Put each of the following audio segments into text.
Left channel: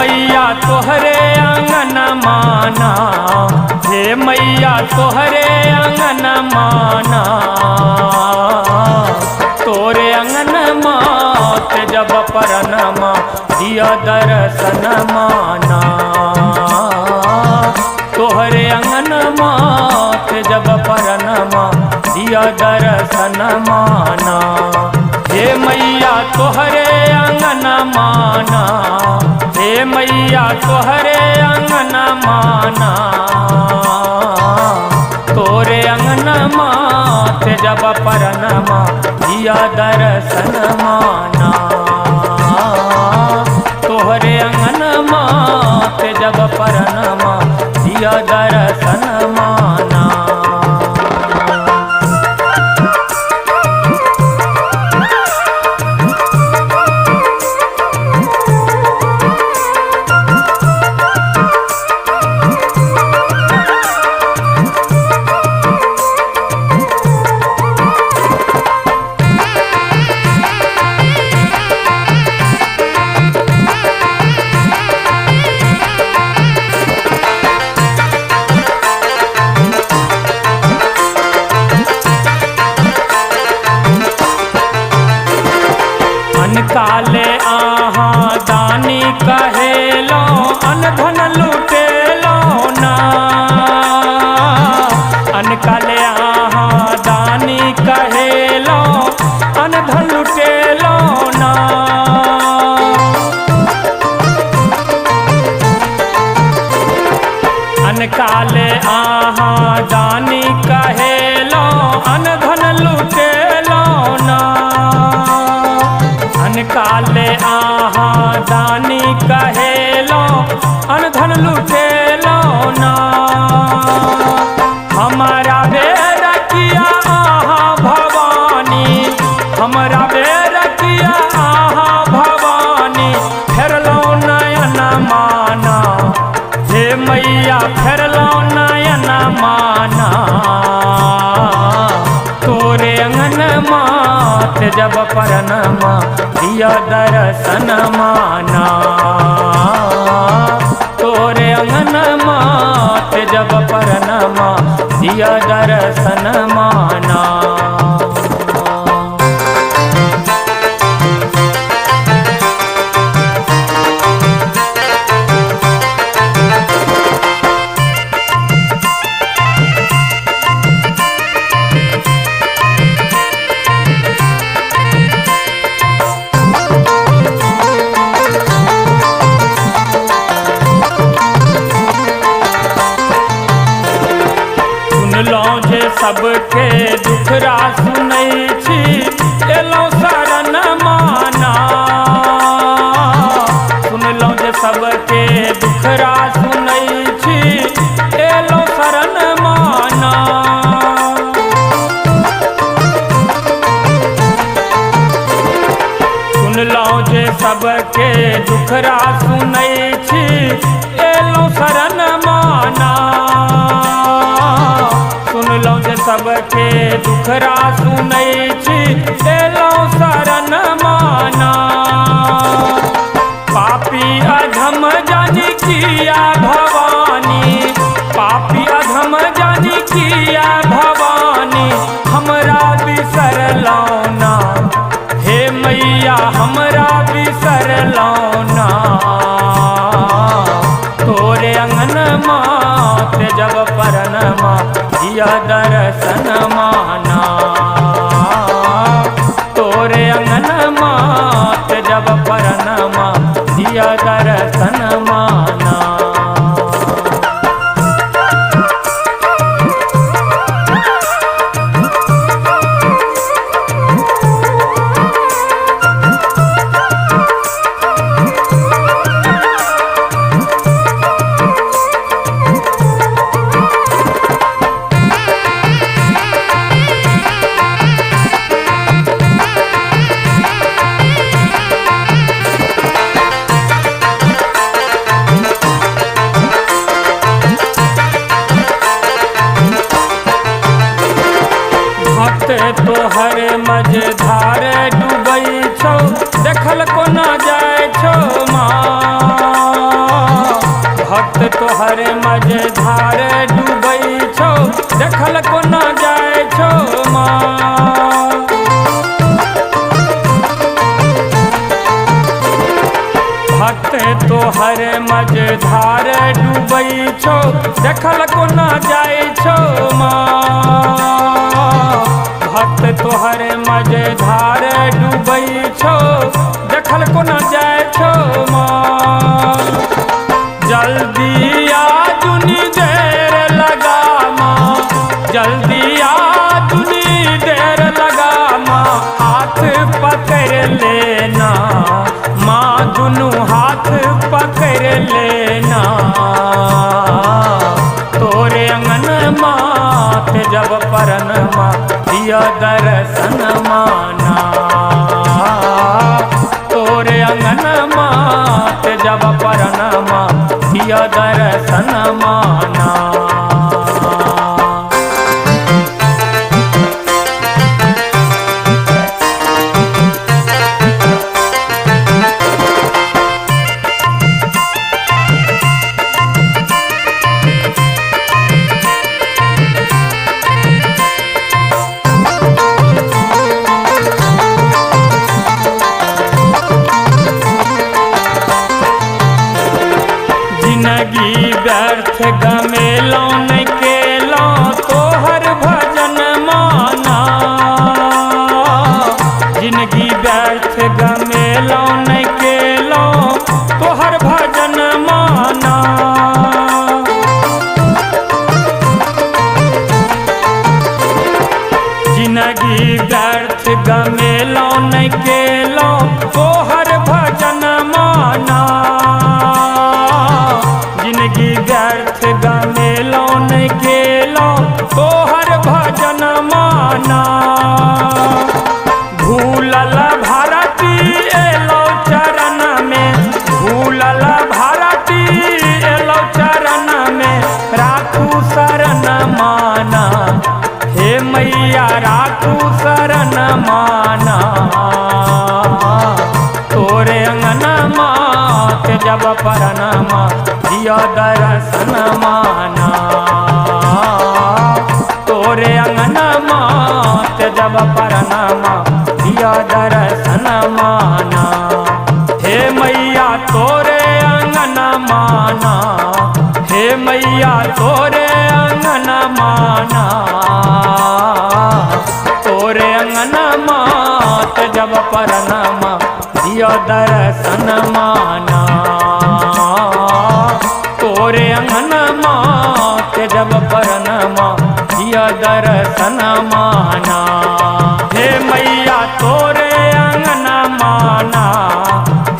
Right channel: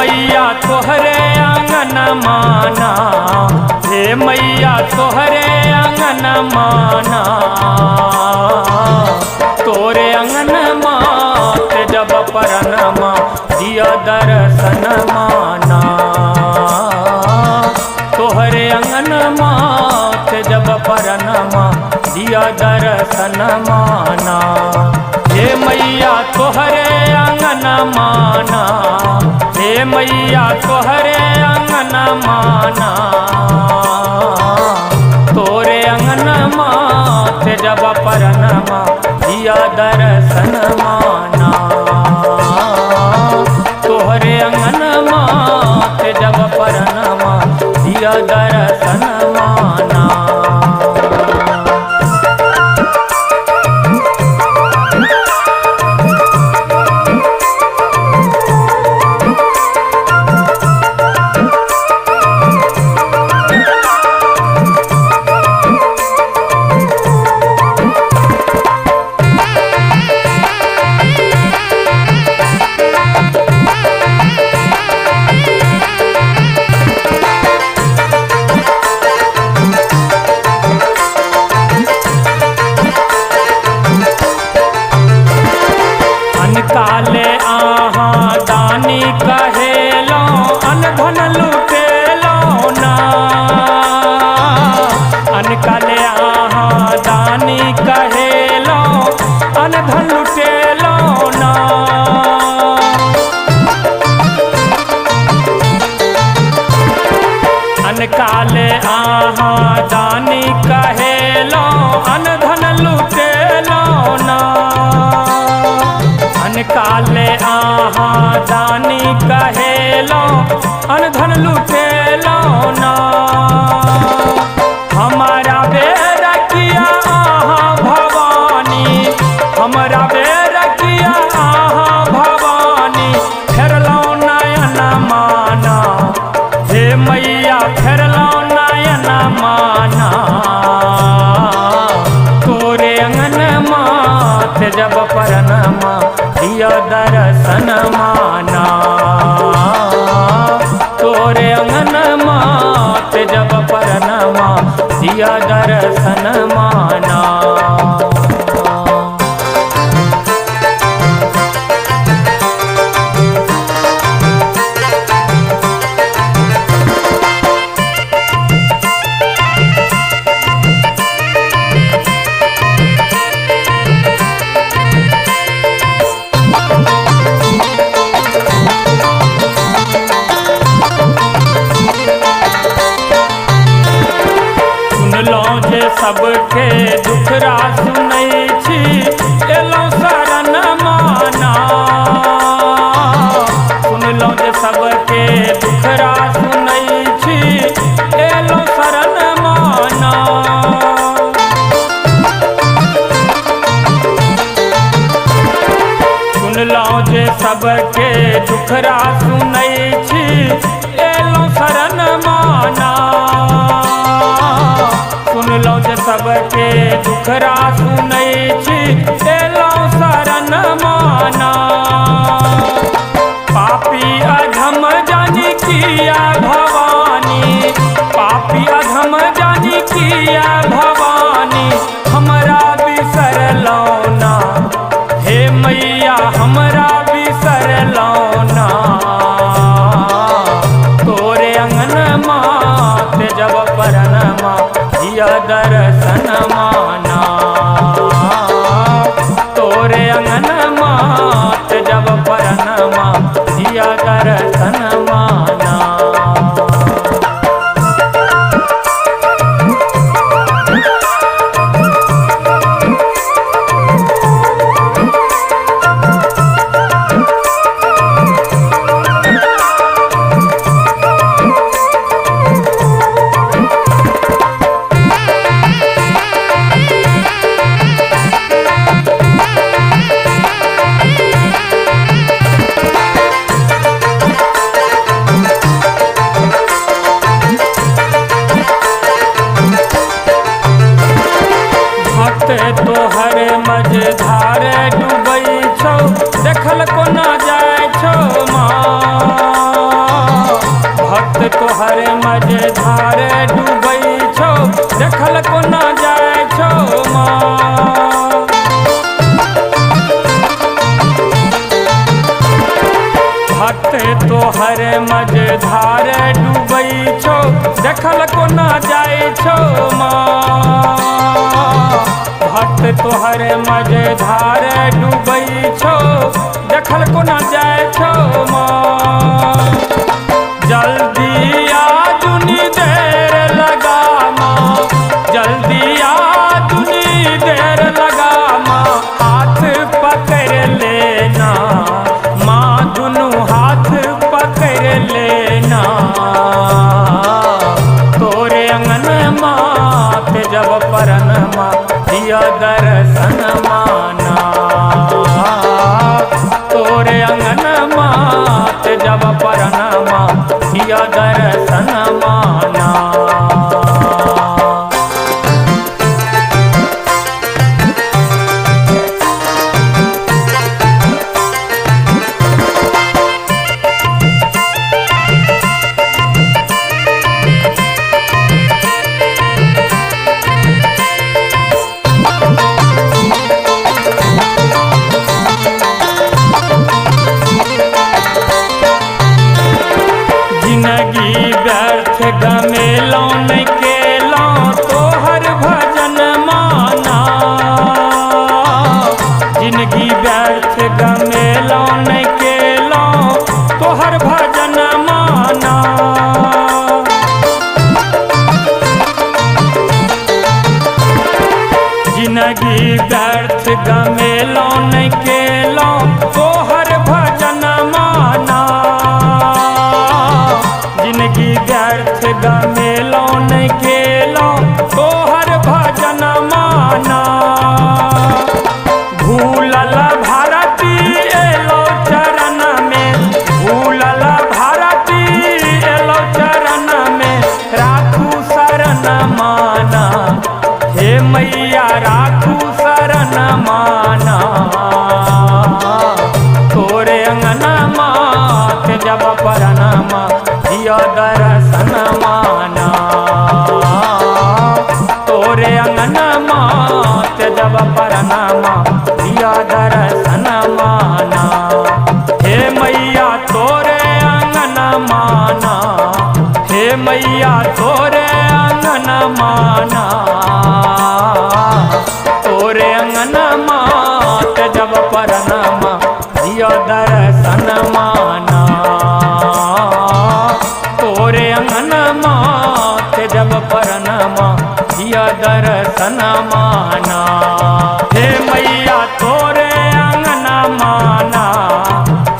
मैया तोहरे आंगन माना, हे मैया तोहरे आंगन माना, तोरे आंगन मात जब परनमा दिया दर्शन माना, तोहरे आंगन मात जब परनमा दिया दर्शन माना। हे मैया तोहरे आंगन माना, हे मैया तोहरे आंगन माना, तोरे आंगन मात जब परनमा दिया दर्शन माना, तोहरे आंगन मात जब परनमा दिया दर्शन माना। काले आहा दानी कहेलो अनधन लुटेलो ना, अनकाले आहा दानी कहेलो अनधन लुटेलो ना, अनकाले आहा दानी कहेलो अनधन लुटेलो ना, अनकाले आहा दानी कहेलो अनधन लुटेलो ना, हमारा बेर किया आहा भवानी, हमारा बेर किया आहा भवानी, फेरलो नयन माना, हे मैया फेरलो नयन माना, तोरे अंगन मात जब परनमा दिया दर्शन माना, तोरे अंगन मात जब परनमा दिया दर्शन माना। सुनलो जे सबके दुखरा सुनै छी, एलो शरण माना, सुनलो जे सबके दुखरा सुनै छी, एलो शरण माना, सुनलो जे सबके दुखरा सुनै छी, एलो शरण माना, सुनलो जे सबके दुखरा सुनै छी, एलो शरण माना, पापी अधम जानी किया भवानी, पापी अधम जानी किया भवानी, हमरा बिसरलो ना, हे मैया हमरा बिसरलो ना, तोरे अंगन मात जब परनमा दिया दर्शन माना, तोरे अंगन मात जब परनमा दिया दर्शन माना। तोहर मझधार डूबै छौ, देखल कोना जाय छौ माँ। भक्त तोहर मझधार डूबै छौ, देखल कोना जाय छौ माँ। भक्त तोहर मझधार डूबै छौ, देखल कोना जाय छौ माँ। भक्त तोहर मझधार डूबै छौ, देखल कोना जाय छौ माँ। जल्दी आ जुनी देर लगा माँ, जल्दी आ जुनी देर लगा माँ। हाथ पकड़ लेना माँ, दुनू हाथ पकड़ लेना। तोरे अंगन मात जब परन माँ, दिया दर्शन माना। तोरे अंगन मात जब परन माँ, दिया दर्शन माना। जिंदगी व्यर्थ गमेलौं नहीं केलौं, तोहर भजन माना। जिंदगी व्यर्थ गमेलौं नहीं केलौं, तोहर भजन माना। जिंदगी व्यर्थ गमेलौं नहीं केलौं, तोहर भजन माना। जिंदगी व्यर्थ गमेलौं नहीं केलौं, तोहर भजन माना। भूलल भारती एलौ चरण में, भूलल भारती एलौ चरण में। राखू शरण माना, हे मैया राखू शरण माना। तोरे अंगन मात जब परन माँ, दिया दर्शन माना। तोरे अंगन मात जब परन माँ, दिया दर्शन माना। हे मैया तोरे अंगन माना, हे मैया तोरे अंगन माना। तोरे अंगन मात जब परन माँ, दिया दर्शन माना। तोरे अंगन मात जब परन माँ, दिया दर्शन माना। हे मैया तोरे अंगन माना,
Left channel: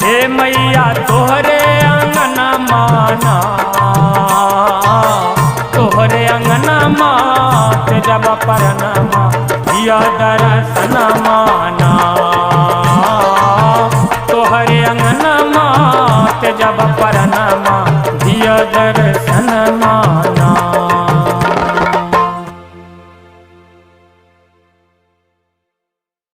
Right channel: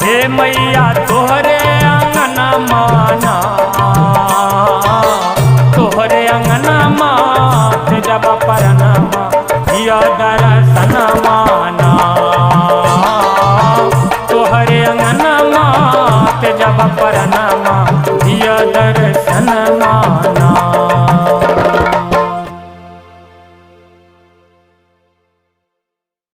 हे मैया तोहरे अंगन माना। तोहरे अंगन मात जब परन माँ, दिया दर्शन माना। तोहरे अंगन मात जब परन माँ, दिया दर्शन माना।